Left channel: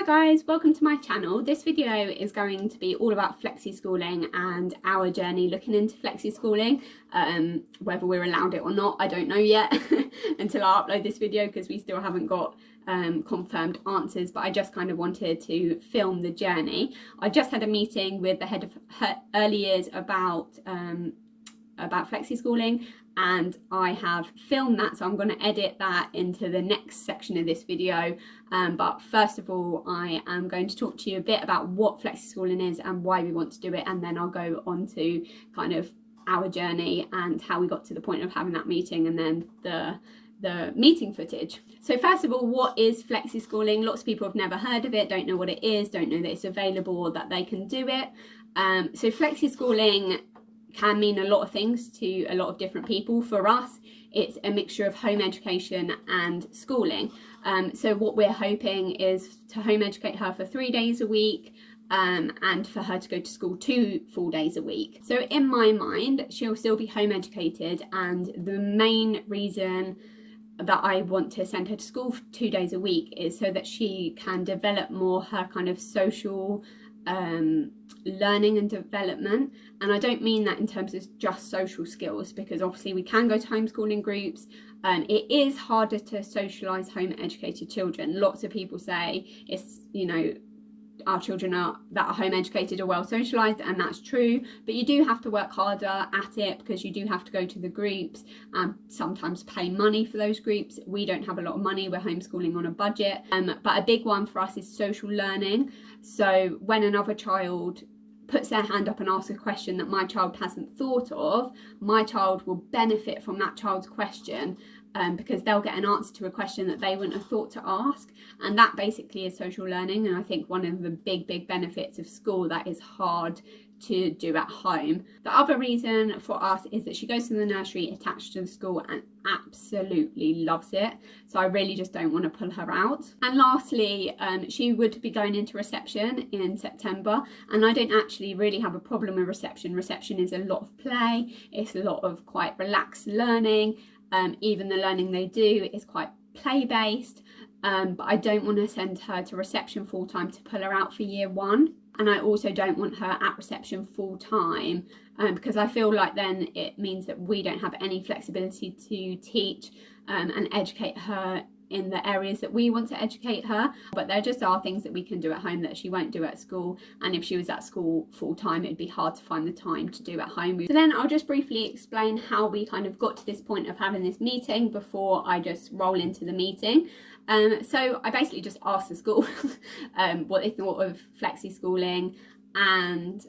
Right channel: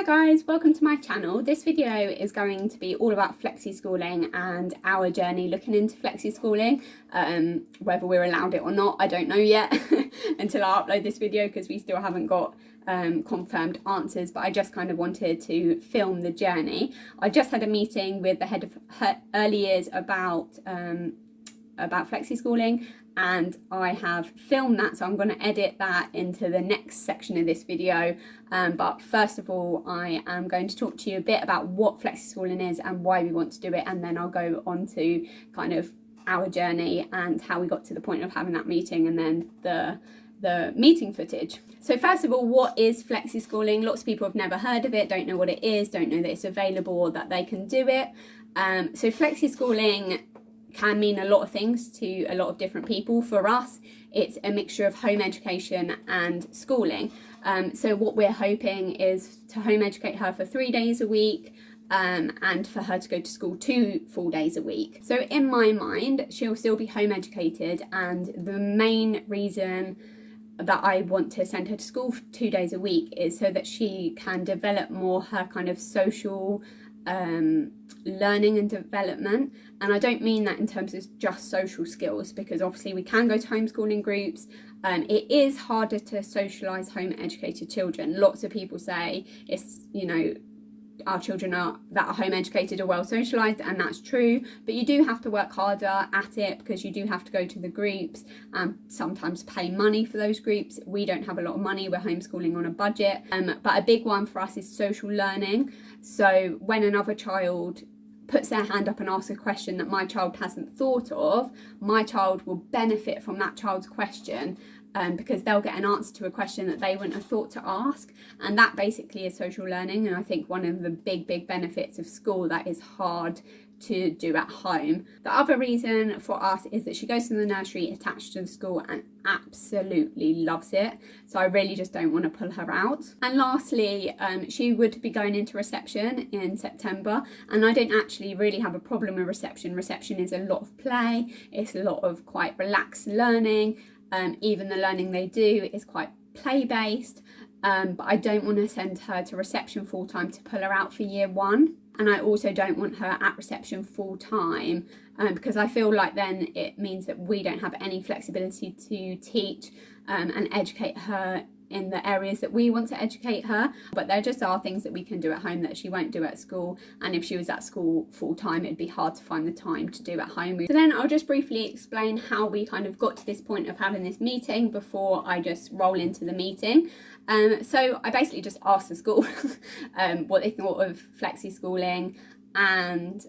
Hi guys, welcome to my channel. This video is going to be all about flexi-schooling and our journey looking into flexi-schooling. Whether we're allowed it or not, I don't know yet until I upload this video, because we still haven't got confirmed answers, but I just kind of wanted to film the journey. I just had a meeting with the head of early years about flexi-schooling, and I have filmed that, so I'm going to edit that into the next section of this video. But first of all, I am going to talk to you a bit about what flexi-schooling is and why we want to do it, and then I'll go on to kind of our journey and how we got to the point of having that meeting, and then the meeting footage. So first of all, what is flexi-schooling? Lots of people have never heard of it, don't know what it is, don't know that it's available or that they can do it. So flexi-schooling can mean a lot of things to a lot of different people. For us, it's a mixture of home education and schooling. So what we're hoping is to home educate her for 3 days a week, and for her to go to school 2 full days a week. So in my mind, she'll still be home educated, and the main reason that I want to send her to school for 2 days a week is so that she can develop more her kind of social learning and development. And I don't mean that in terms of just social skills, because obviously we can go to homeschooling groups. It is harder to socialise home educated children. Lots of people say it's, you know, our children that are home educated are well socialised, and that's true, but you do have to work harder at it, because you do have to go to the groups and sometimes pay money for those groups. We don't have a lot of money, we're homeschooling on a budget, but a big one for us is social learning. So when another child puts their hand up and asks a question that my child hasn't thought of, my child will benefit from that child's question, because they'll get an answer to a question that they wouldn't have thought to ask. And that basically is social learning. And I think one of the big benefits of school that is hard to do at home. The other reason for us is that she goes to the nursery attached to the school and absolutely loves it. So I really just don't want to pull her out. And lastly, she would be going into reception in September, and I don't actually really have a problem with reception. Reception is a lot of play, it's a lot of quite relaxed learning. Even the learning they do is quite play-based, but I don't want to send her to reception full-time to pull her out for year 1. And I also don't want her at reception full-time, because I feel like then it means that we don't have any flexibility to teach and educate her in the areas that we want to educate her. But there just are things that we can do at home that she won't do at school, and if she was at school full-time, it'd be hard to find the time to do at home. So then I'll just briefly explain how we kind of got to this point of having this meeting before I just roll into the meeting. So I basically just asked the school what they thought of flexi-schooling, and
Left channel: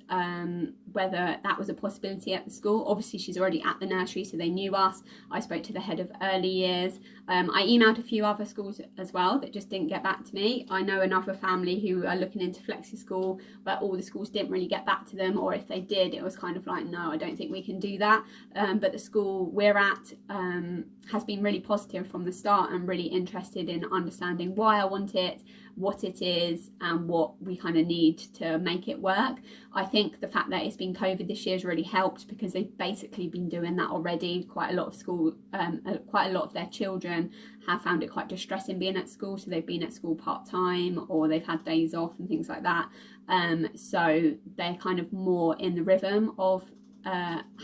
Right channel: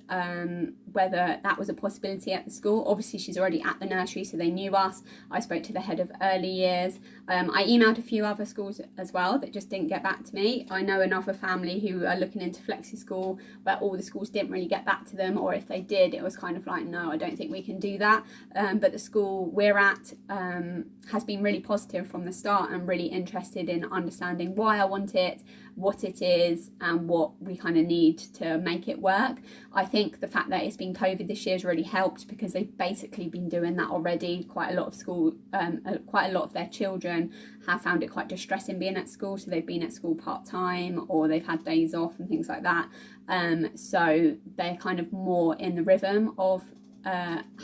whether that was a possibility at the school. Obviously she's already at the nursery, so they knew us. I spoke to the head of early years. I emailed a few other schools as well that just didn't get back to me. I know another family who are looking into flexi-school, but all the schools didn't really get back to them, or if they did, it was kind of like, no, I don't think we can do that. But the school we're at has been really positive from the start, and really interested in understanding why I want it, what it is, and what we kind of need to make it work. I think the fact that it's been COVID this year has really helped, because they've basically been doing that already. Quite a lot of their children have found it quite distressing being at school, so they've been at school part-time, or they've had days off and things like that. So they're kind of more in the rhythm of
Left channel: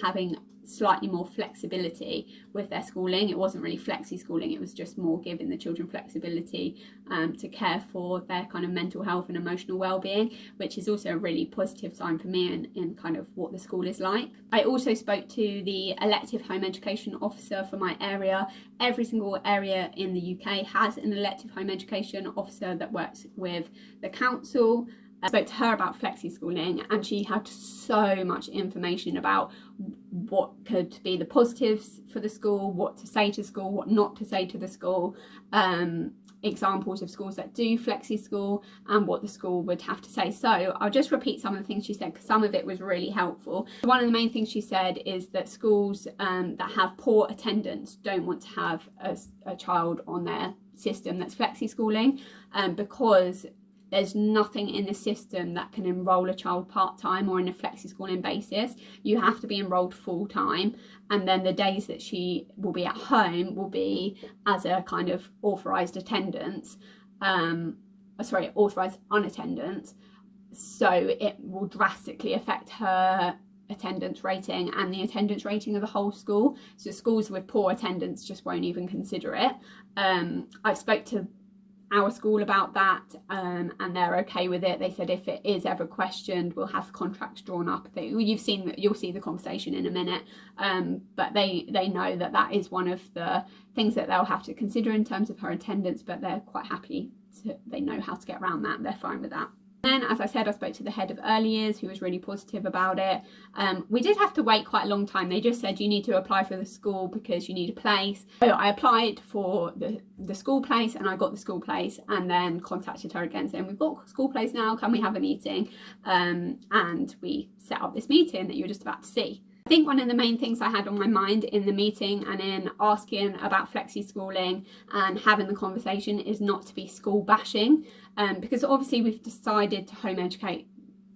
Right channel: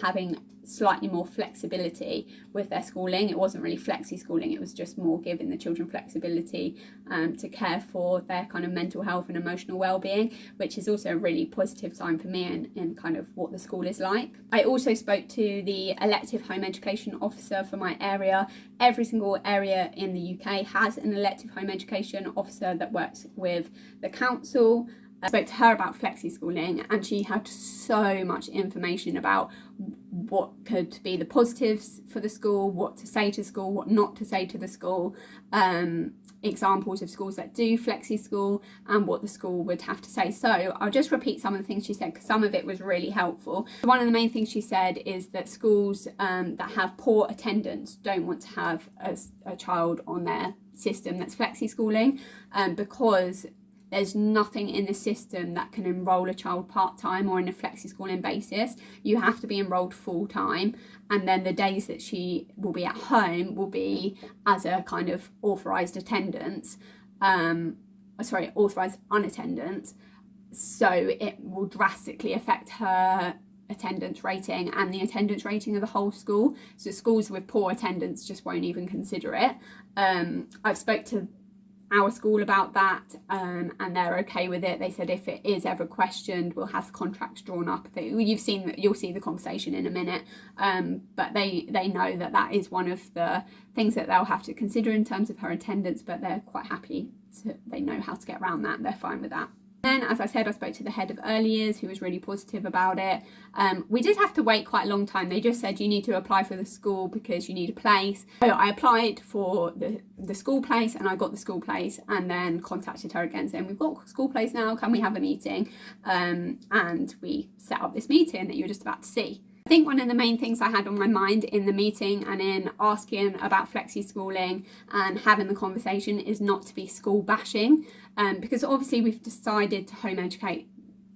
having slightly more flexibility with their schooling. It wasn't really flexi-schooling, it was just more giving the children flexibility to care for their kind of mental health and emotional well-being, which is also a really positive sign for me in kind of what the school is like. I also spoke to the elective home education officer for my area. Every single area in the UK has an elective home education officer that works with the council. I spoke to her about flexi-schooling, and she had so much information about what could be the positives for the school, what to say to school, what not to say to the school, examples of schools that do flexi-school, and what the school would have to say. So I'll just repeat some of the things she said, because some of it was really helpful. One of the main things she said is that schools that have poor attendance don't want to have a child on their system that's flexi-schooling, because there's nothing in the system that can enrol a child part-time or in a flexi-schooling basis. You have to be enrolled full-time, and then the days that she will be at home will be as a kind of authorised attendance. authorised unattendance, so it will drastically affect her attendance rating and the attendance rating of the whole school. So schools with poor attendance just won't even consider it. I've spoke to our school about that, and they're okay with it. They said if it is ever questioned, we'll have contracts drawn up. You'll see the conversation in a minute, but they know that is one of the things that they'll have to consider in terms of her attendance, but they're quite happy they know how to get around that. They're fine with that. Then, as I said, I spoke to the head of early years, who was really positive about it. We did have to wait quite a long time. They just said you need to apply for the school because you need a place. So I applied for the school place, and I got the school place, and then contacted her again saying, we've got school place now, can we have a meeting? And we set up this meeting that you're just about to see. I think one of the main things I had on my mind in the meeting and in asking about flexi-schooling and having the conversation is not to be school bashing, because obviously we've decided to home educate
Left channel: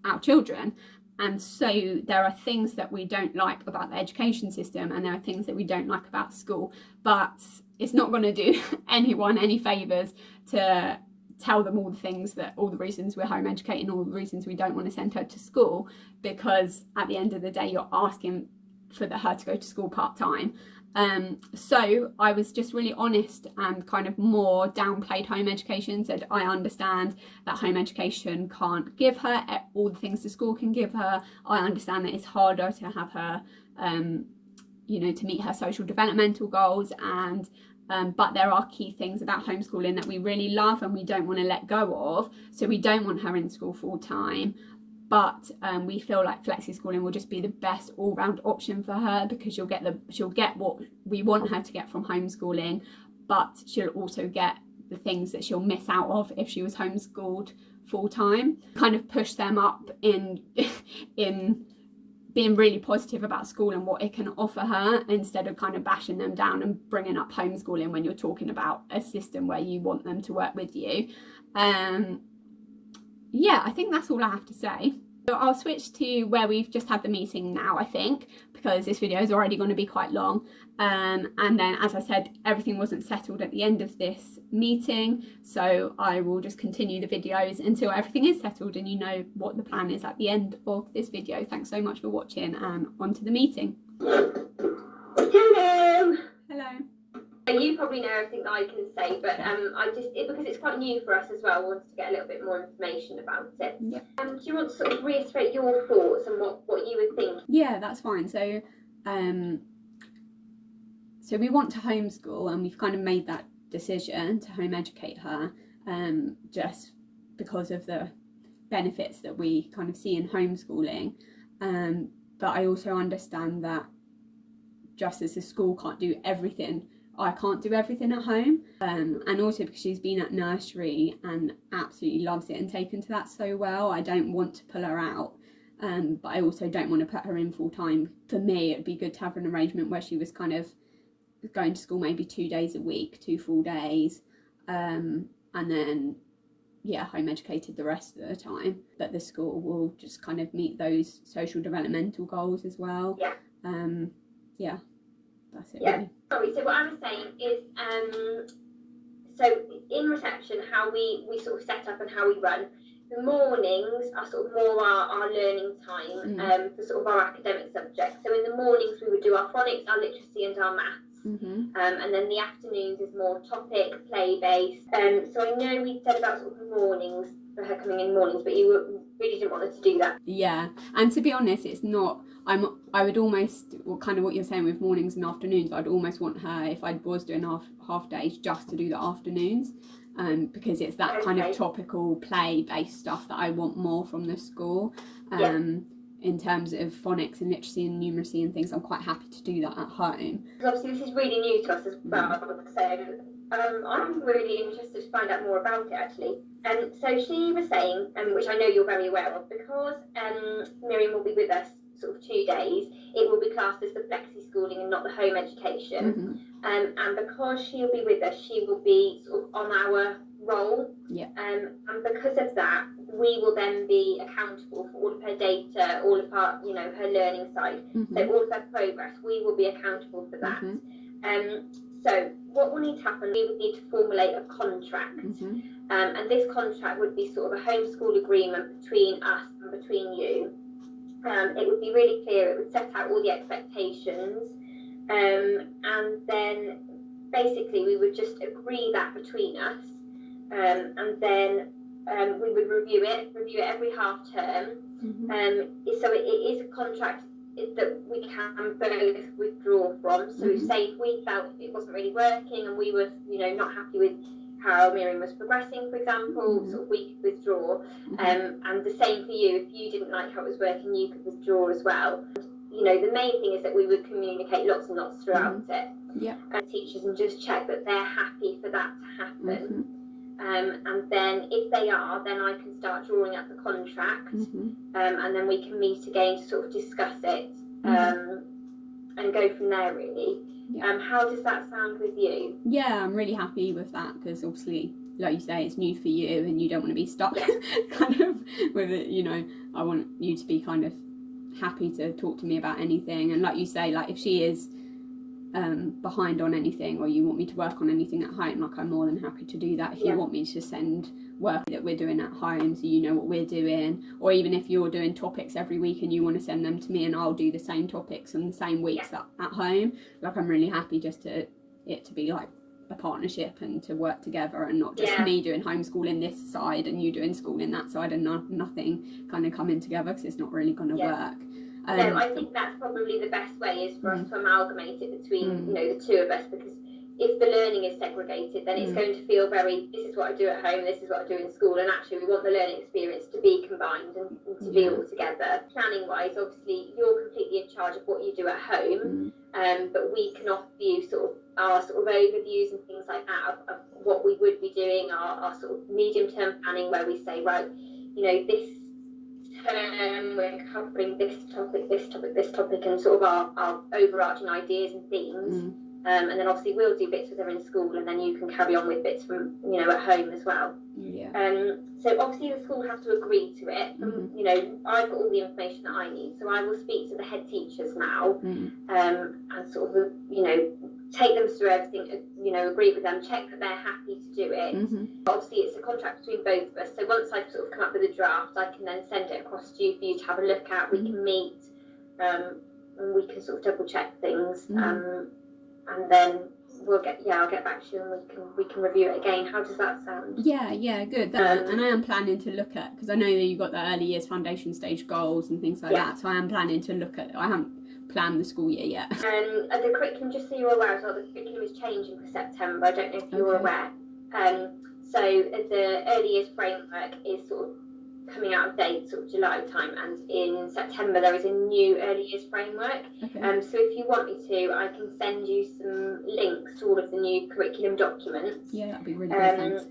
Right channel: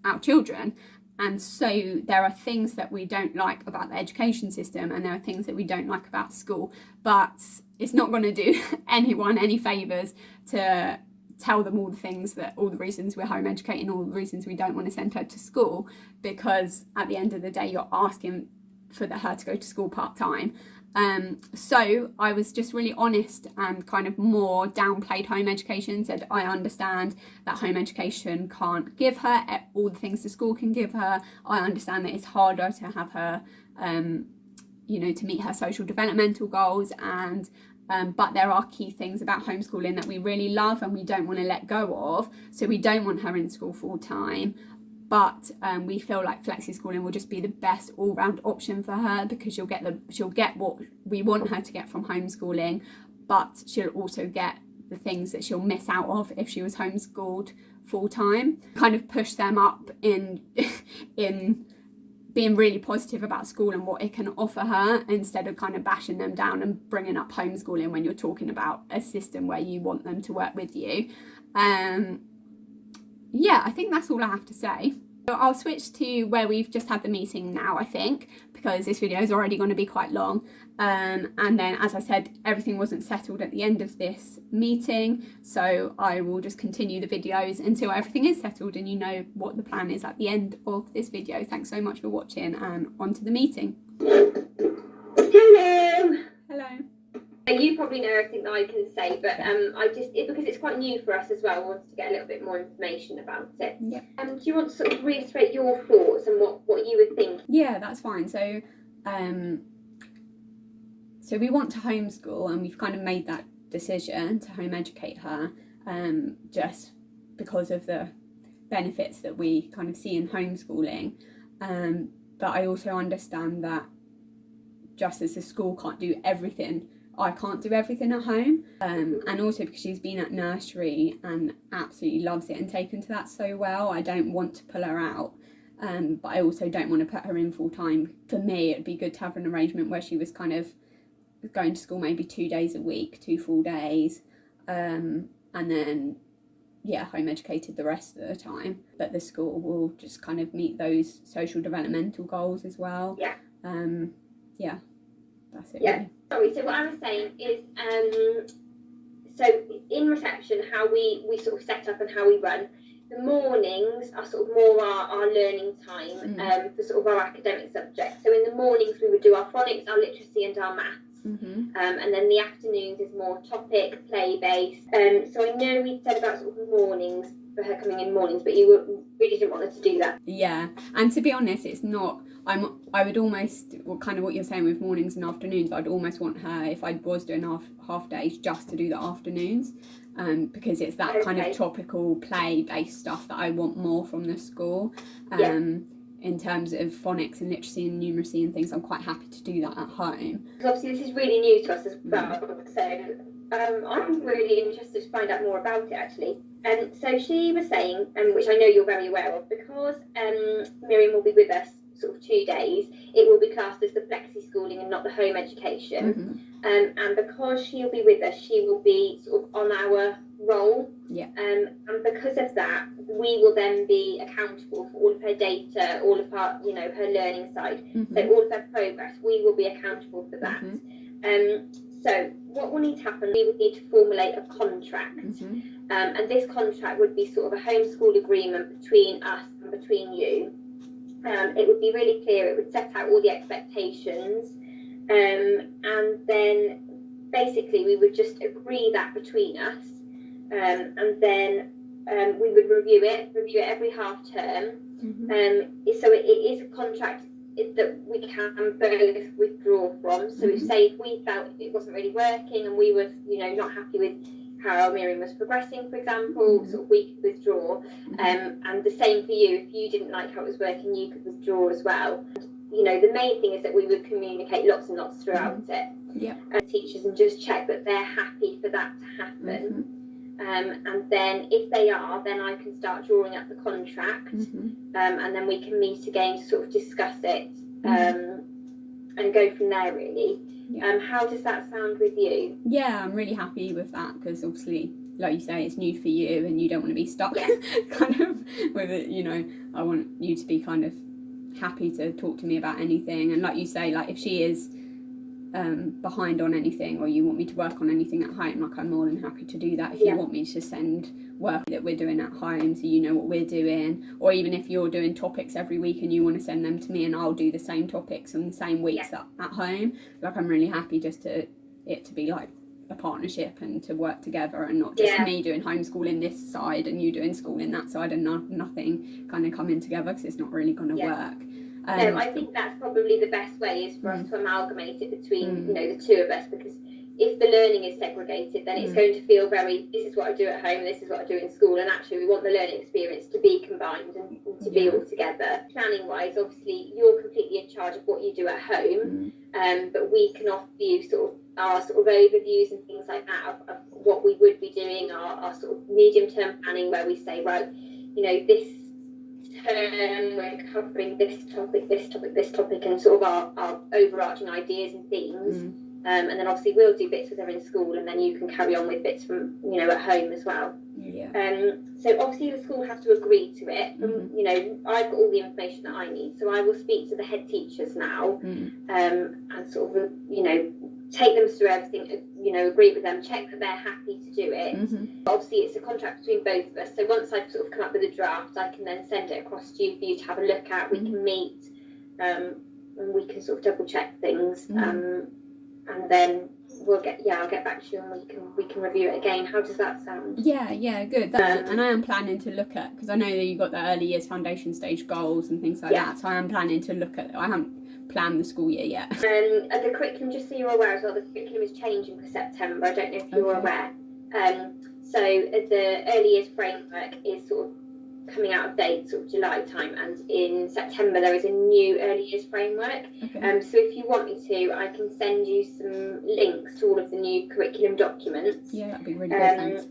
our children, and so there are things that we don't like about the education system and there are things that we don't like about school, but it's not going to do anyone any favours to tell them all the reasons we're home educating, all the reasons we don't want to send her to school, because at the end of the day you're asking for her to go to school part-time. So I was just really honest and kind of more downplayed home education, said I understand that home education can't give her all the things the school can give her. I understand that it's harder to have her to meet her social developmental goals, and but there are key things about homeschooling that we really love and we don't want to let go of. So we don't want her in school full time, but we feel like flexi-schooling will just be the best all-round option for her, because she'll get what we want her to get from homeschooling, but she'll also get the things that she'll miss out of if she was homeschooled full time. Kind of push them up in being really positive about school and what it can offer her, instead of kind of bashing them down and bringing up homeschooling when you're talking about a system where you want them to work with you. Yeah, I think that's all I have to say. So I'll switch to where we've just had the meeting now, I think, because this video is already going to be quite long. And then, as I said, everything wasn't settled at the end of this meeting, so I will just continue the videos until everything is settled and you know what the plan is at the end of this video. Thanks so much for watching, and on to the meeting. Hello. Hello. You probably know everything that I can say, but because it's quite new for us as well, I wanted to get a little bit more information about it. Yep. Do you want to sort of reiterate your thoughts and what you would think? Yeah, that's fine. So we want to homeschool, and we've kind of made that decision to home educate her, just because of the benefits that we kind of see in homeschooling. But I also understand that just as the school can't do everything, I can't do everything at home, and also because she's been at nursery and absolutely loves it and taken to that so well, I don't want to pull her out, but I also don't want to put her in full time. For me, it'd be good to have an arrangement where she was kind of going to school maybe 2 days a week, 2 full days, and then home educated the rest of the time, but the school will just kind of meet those social developmental goals as well. That's it. Really. Sorry, so what I was saying is, so in reception, how we sort of set up and how we run, the mornings are sort of more our learning time for sort of our academic subjects. So in the mornings we would do our phonics, our literacy and our maths. And then the afternoons is more topic, play-based. So I know we said about sort of mornings, for her coming in mornings, but you really didn't want her to do that. Yeah, and to be honest, it's not... I would almost, kind of what you're saying with mornings and afternoons, I'd almost want her, if I was doing half days, just to do the afternoons, because it's that kind of topical play-based stuff that I want more from the school. In terms of phonics and literacy and numeracy and things, I'm quite happy to do that at home. Obviously this is really new to us as well, so I'm really interested to find out more about it actually. So she was saying, which I know you're very aware of, because Miriam will be with us sort of 2 days, it will be classed as the flexi-schooling and not the home education. And because she'll be with us, she will be sort of on our roll. And because of that, we will then be accountable for all of her data, all of her, her learning side. So all of her progress, we will be accountable for that. So what will need to happen, we would need to formulate a contract. And this contract would be sort of a homeschool agreement between us and between you. It would be really clear, it would set out all the expectations, and then basically we would just agree that between us, and then we would review it every half term. So it is a contract that we can both withdraw from. So say if we felt it wasn't really working and we were, not happy with how Miriam was progressing, for example, sort of we could withdraw. And the same for you. If you didn't like how it was working, you could withdraw as well. The main thing is that we would communicate lots and lots throughout it. Teachers, and just check that they're happy for that to happen. And then if they are, then I can start drawing up the contract, and then we can meet again to sort of discuss it, and go from there, really. How does that sound with you? Yeah, I'm really happy with that, because obviously, like you say, it's new for you and you don't want to be stuck kind of with it. I want you to be kind of happy to talk to me about anything, and like you say, like if she is behind on anything, or you want me to work on anything at home, like I'm more than happy to do that. If you want me to send work that we're doing at home so you know what we're doing, or even if you're doing topics every week and you want to send them to me and I'll do the same topics on the same weeks at home, like I'm really happy just to be like a partnership and to work together, and not just me doing homeschooling this side and you doing schooling that side, and nothing kind of coming together, because it's not really going to work. No, I think that's probably the best way, is for us to amalgamate it between the two of us, because if the learning is segregated, then it's going to feel very, this is what I do at home, this is what I do in school, and actually we want the learning experience to be combined and to be all together. Planning wise, obviously you're completely in charge of what you do at home, but we can offer you our overviews and things like that of what we would be doing, our sort of medium term planning, where we say, right, this term we're covering this topic, and sort of our overarching ideas and themes. And then obviously we'll do bits with her in school, and then you can carry on with bits from at home as well. So obviously the school has to agree to it. I've got all the information that I need, so I will speak to the head teachers now, and sort of take them through everything, agree with them, check that they're happy to do it. Obviously it's a contract between both of us, so once I've sort of come up with a draft, I can then send it across to you for you to have a look at. We can meet, and we can sort of double check things, and then I'll get back to you, and we can review it again. How does that sound? Yeah, good. And I am planning to look at, because I know that you've got the early years foundation stage goals and things like that, so I am planning to look at, I haven't planned the school year yet. And the curriculum, just so you're aware as well, the curriculum is changing for September. I don't know if you're aware. So the early years framework is sort of coming out of date sort of July time, and in September there is a new early years framework. So if you want me to, I can send you some links to all of the new curriculum documents. That'd be really good.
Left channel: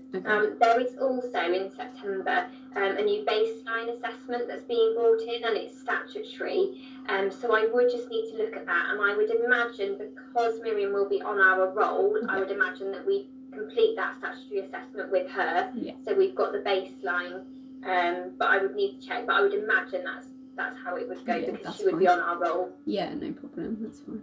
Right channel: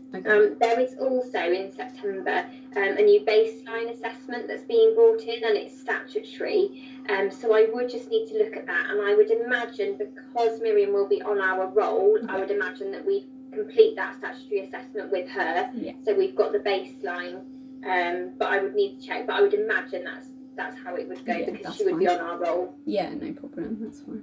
There is also in September a new baseline assessment that's being brought in, and it's statutory. So I would just need to look at that, and I would imagine, because Miriam will be on our roll, I would imagine that we complete that statutory assessment with her. So we've got the baseline. But I would need to check. But I would imagine that's how it would go, because she would be on our roll. No problem. That's fine.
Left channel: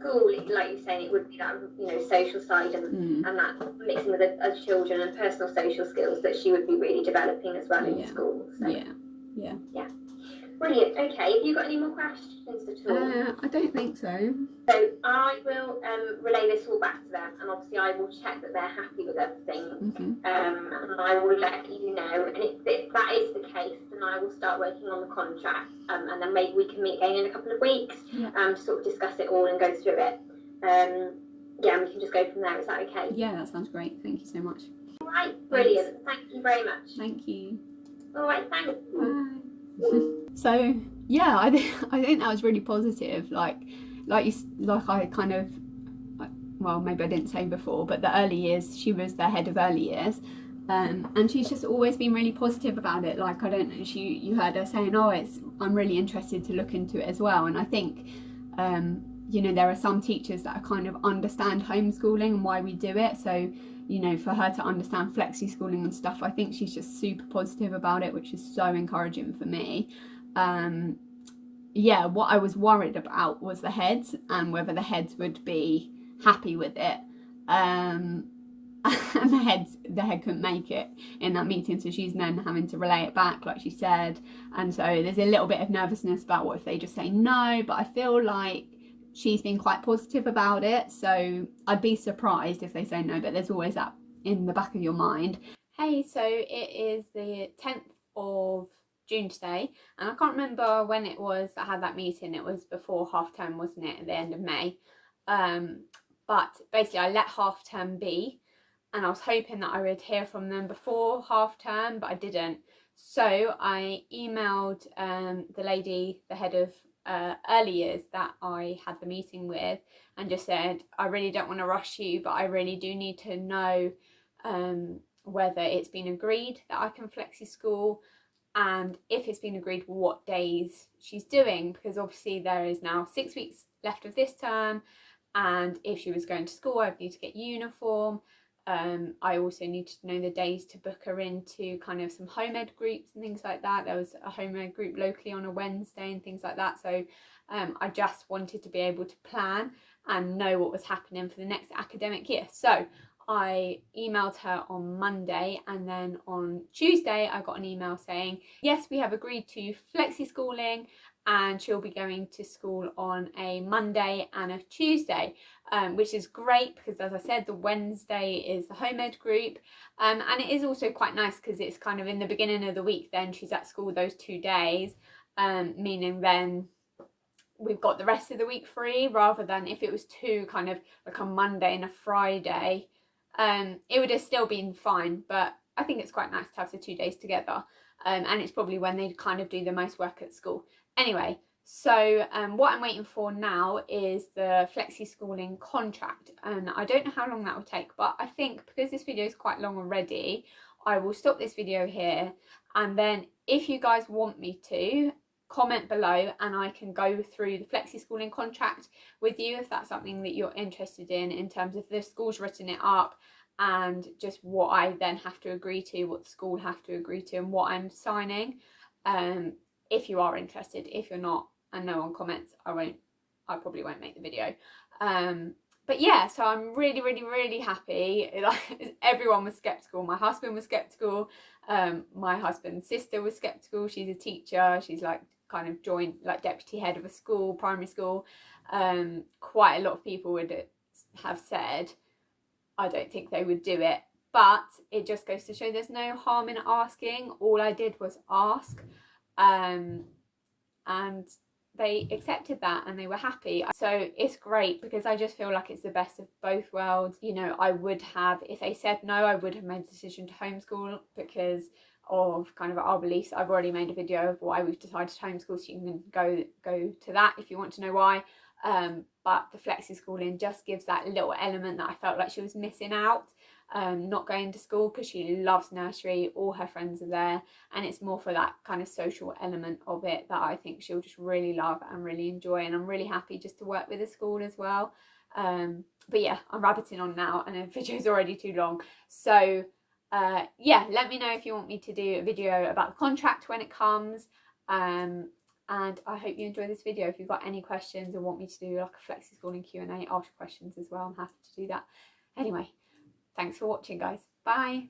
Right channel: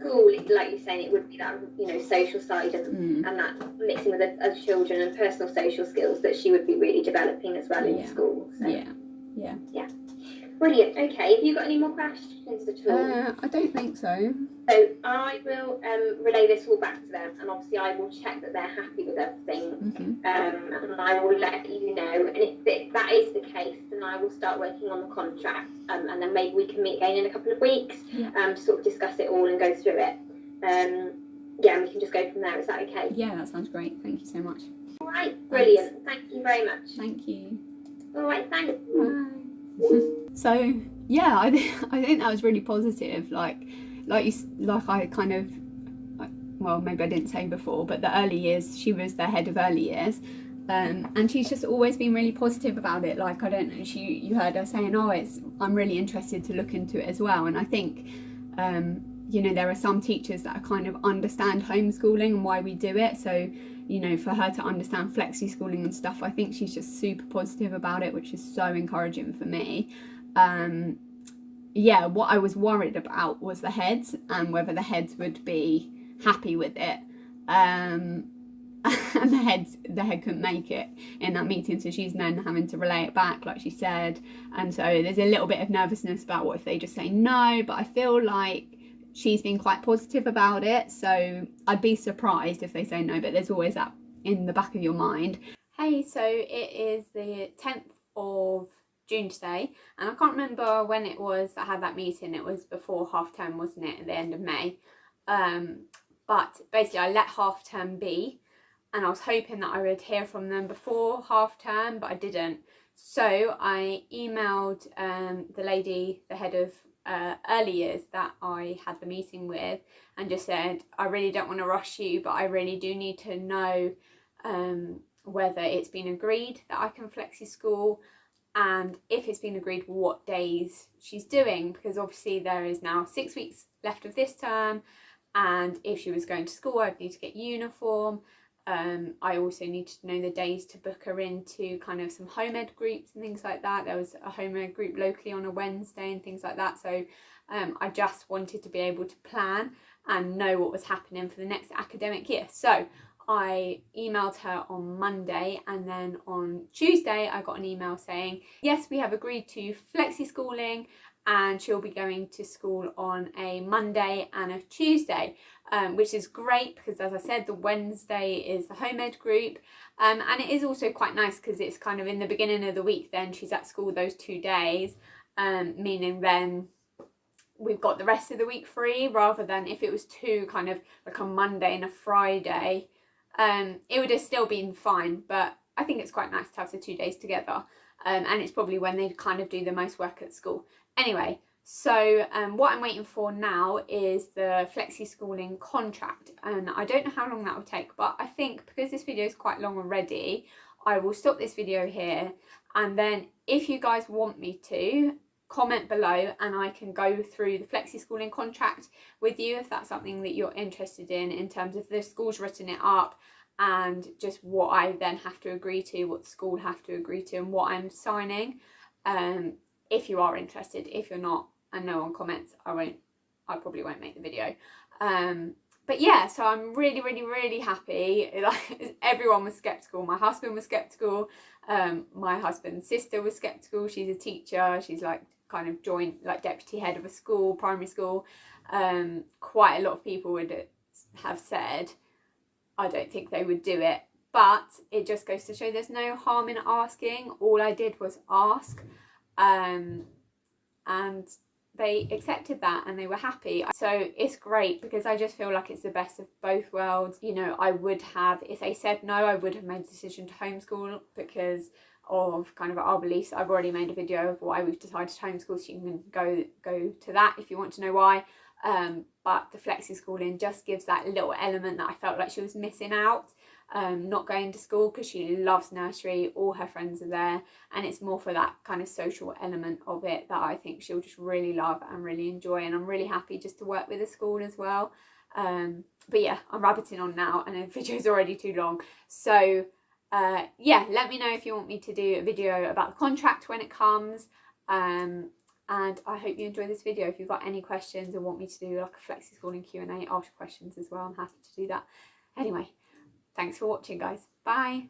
School, like you're saying, it would be that social side and that mixing with other children and personal social skills that she would be really developing as well in school. So. Yeah. Brilliant. Okay. Have you got any more questions at all? I don't think so. So I will relay this all back to them, and obviously I will check that they're happy with everything, and I will let you know. And if that is the case, then I will start working on the contract, and then maybe we can meet again in a couple of weeks, sort of discuss it all and go through it. We can just go from there. Is that okay? Yeah, that sounds great. Thank you so much. All right, brilliant. Thank you very much. Thank you. All right, thanks. Bye. So I think that was really positive. Like I kind of, well, maybe I didn't say before, but the early years, she was the head of early years, and she's just always been really positive about it. Like, I don't know, you heard her saying, I'm really interested to look into it as well. And I think there are some teachers that kind of understand homeschooling and why we do it. So for her to understand flexi-schooling and stuff, I think she's just super positive about it, which is so encouraging for me. What I was worried about was the heads, and whether the heads would be happy with it. and the head couldn't make it in that meeting, so she's then having to relay it back like she said, and so there's a little bit of nervousness about what if they just say no, but I feel like she's been quite positive about it, so I'd be surprised if they say no, but there's always that in the back of your mind. Hey, so it is the 10th of June today, and I can't remember when it was I had that meeting. It was before half term, wasn't it, at the end of May? But basically I let half term be, and I was hoping that I would hear from them before half term, but I didn't. So I emailed the lady, the head of early years that I had the meeting with, and just said, I really don't want to rush you, but I really do need to know whether it's been agreed that I can flexi school, and if it's been agreed what days she's doing, because obviously there is now 6 weeks left of this term, and if she was going to school I'd need to get uniform. I also needed to know the days to book her into kind of some home ed groups and things like that. There was a home ed group locally on a Wednesday and things like that, so I just wanted to be able to plan and know what was happening for the next academic year. So I emailed her on Monday, and then on Tuesday I got an email saying, yes, we have agreed to flexi-schooling, and she'll be going to school on a Monday and a Tuesday, which is great because, as I said, the Wednesday is the home ed group, and it is also quite nice because it's kind of in the beginning of the week, then she's at school those 2 days, meaning then we've got the rest of the week free, rather than if it was two, kind of like a Monday and a Friday, it would have still been fine, but I think it's quite nice to have the 2 days together, and it's probably when they kind of do the most work at school. Anyway, so what I'm waiting for now is the Flexi-Schooling contract, and I don't know how long that will take, but I think because this video is quite long already, I will stop this video here, and then if you guys want me to, comment below and I can go through the Flexi-Schooling contract with you if that's something that you're interested in terms of the school's written it up and just what I then have to agree to, what the school have to agree to, and what I'm signing. If you are interested. If you're not and no one comments, I probably won't make the video. But yeah, so I'm really, really, really happy. Like, everyone was skeptical. My husband was skeptical. My husband's sister was skeptical. She's a teacher. She's like kind of joint, like deputy head of a school, primary school. Quite a lot of people would have said, I don't think they would do it. But it just goes to show there's no harm in asking. All I did was ask. And they accepted that and they were happy. So it's great because I just feel like it's the best of both worlds. You know, I would have, if they said no, I would have made the decision to homeschool because of kind of our beliefs. I've already made a video of why we've decided to homeschool, so you can go to that if you want to know why. But the flexi-schooling just gives that little element that I felt like she was missing out. Not going to school because she loves nursery, all her friends are there, and it's more for that kind of social element of it that I think she'll just really love and really enjoy, and I'm really happy just to work with the school as well. But yeah, I'm rabbiting on now and the video's already too long, so yeah, let me know if you want me to do a video about the contract when it comes, and I hope you enjoy this video. If you've got any questions or want me to do like a flexi-schooling Q&A, ask questions as well, I'm happy to do that. Anyway, thanks for watching, guys. Bye.